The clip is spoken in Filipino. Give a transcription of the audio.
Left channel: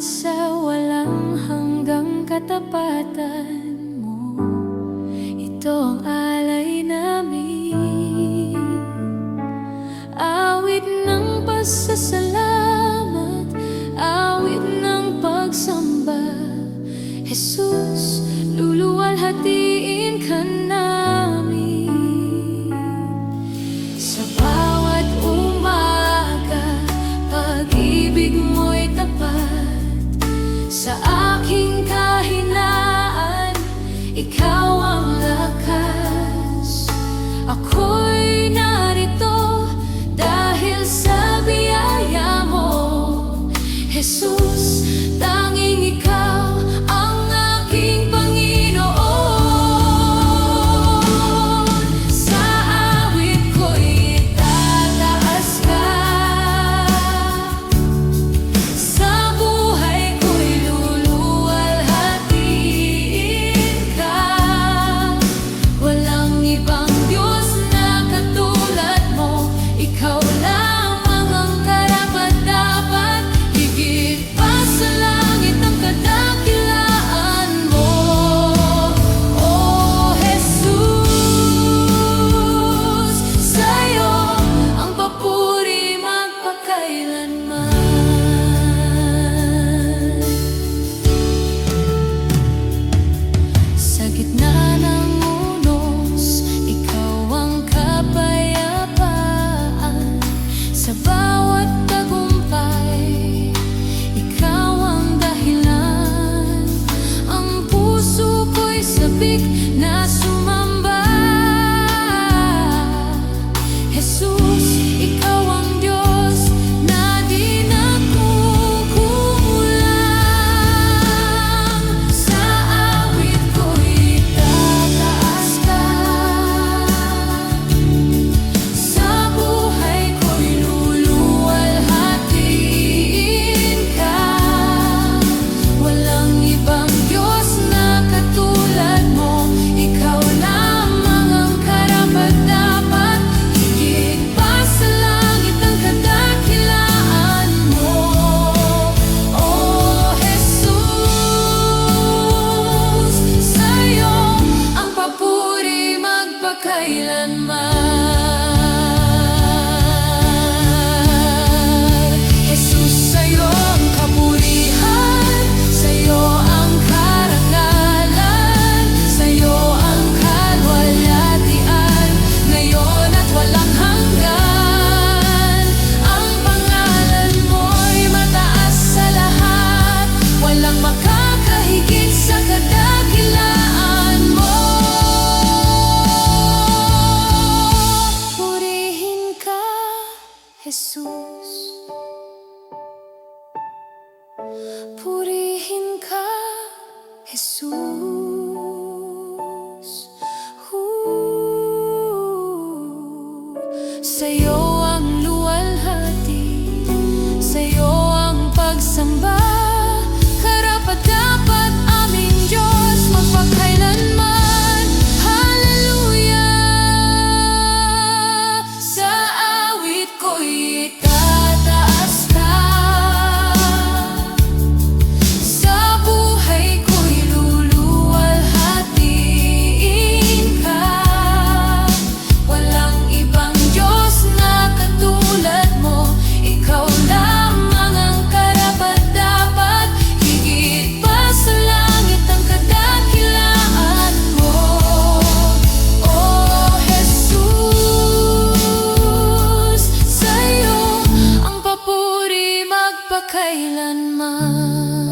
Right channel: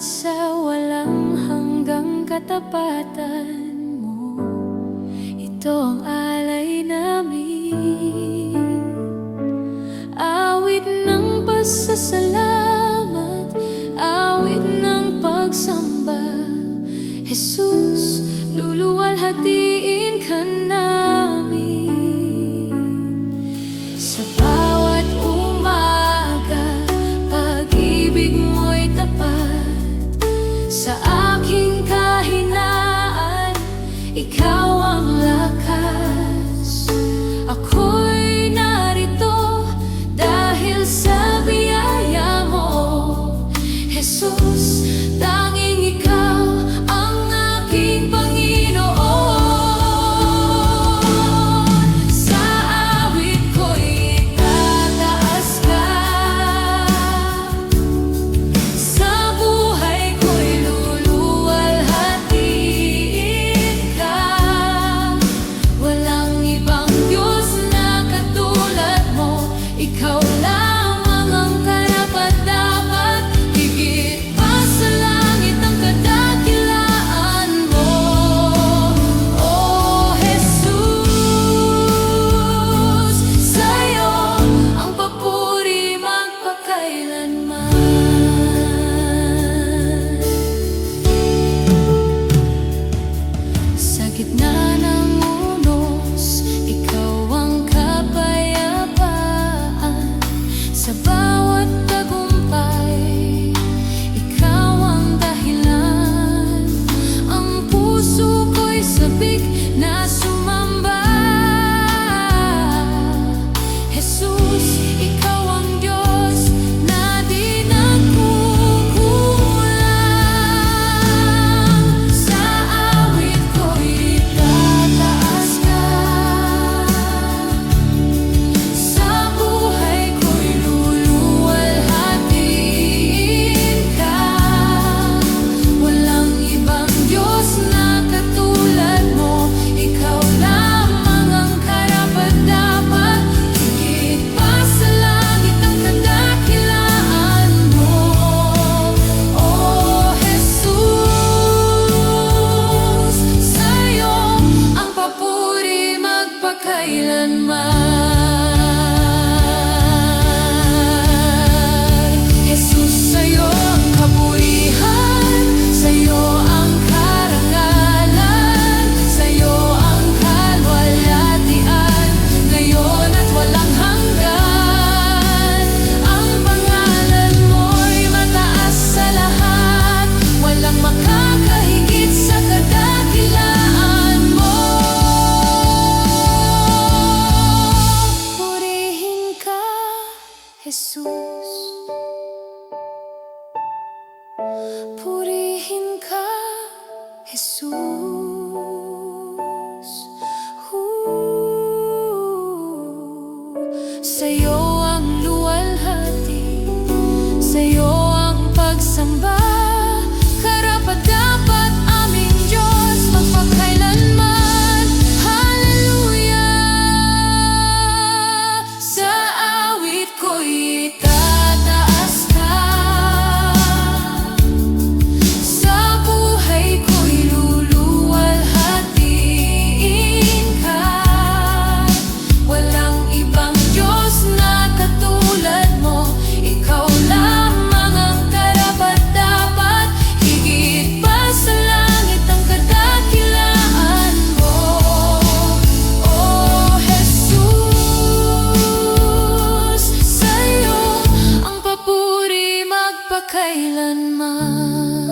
at sa walang hanggang katapatan mo Ito ang alay namin. Awit ng pasasalamat Awit ng pagsamba. Jesus, luluwalhatiin Sa bawat tagumpay Ikaw ang dahilan. Ang puso ko'y sabik na sumalik Jesús. Purihin ka, Jesus. Uh, sa'yo ang luwalhati, sa'yo ang pagsamba. kailanman